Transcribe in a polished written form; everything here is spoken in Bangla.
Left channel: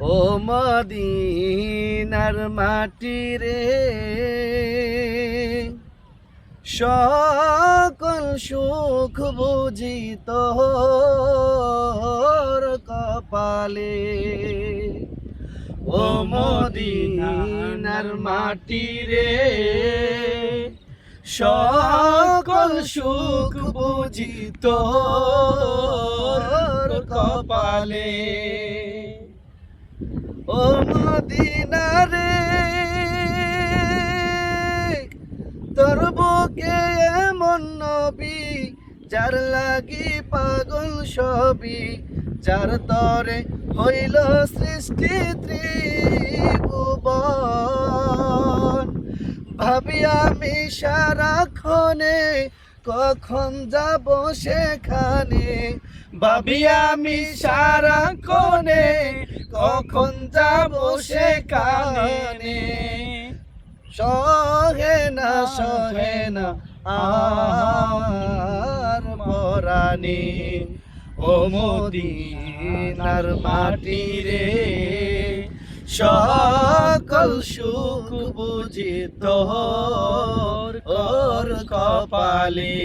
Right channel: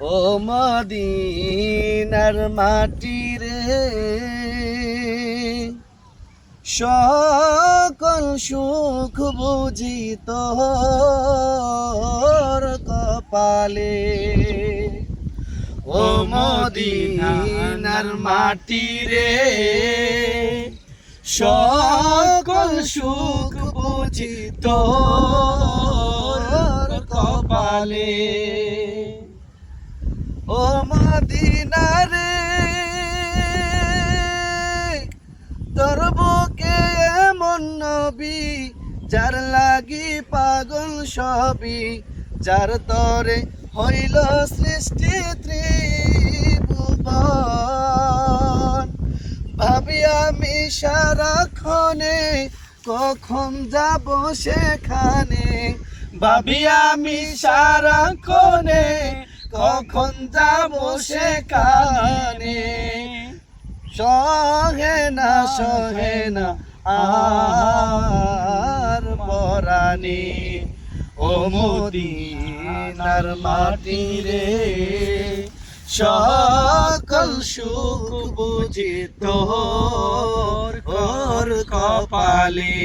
ও মদিনার মাটি রে, সকল সুখ বুঝি তোর কপালে। ও মদিনার মাটি রে, সকল সুখ বুঝি তোর কপালে। ও মদিনা রে, তোর বুকে এমন নবী, যার লাগি পাগল সবই, যার তরে হইল সৃষ্টি ত্রিভুবন। ভাবি আমি সারাক্ষণে কখন যাব সেখানে, ভাবি আমি সারাক্ষণে কখন যাব সেখানে। সহে না আর পরাণে। ও মদিনার মাটি রে, সকল সুখ বুঝি তোর কপালে।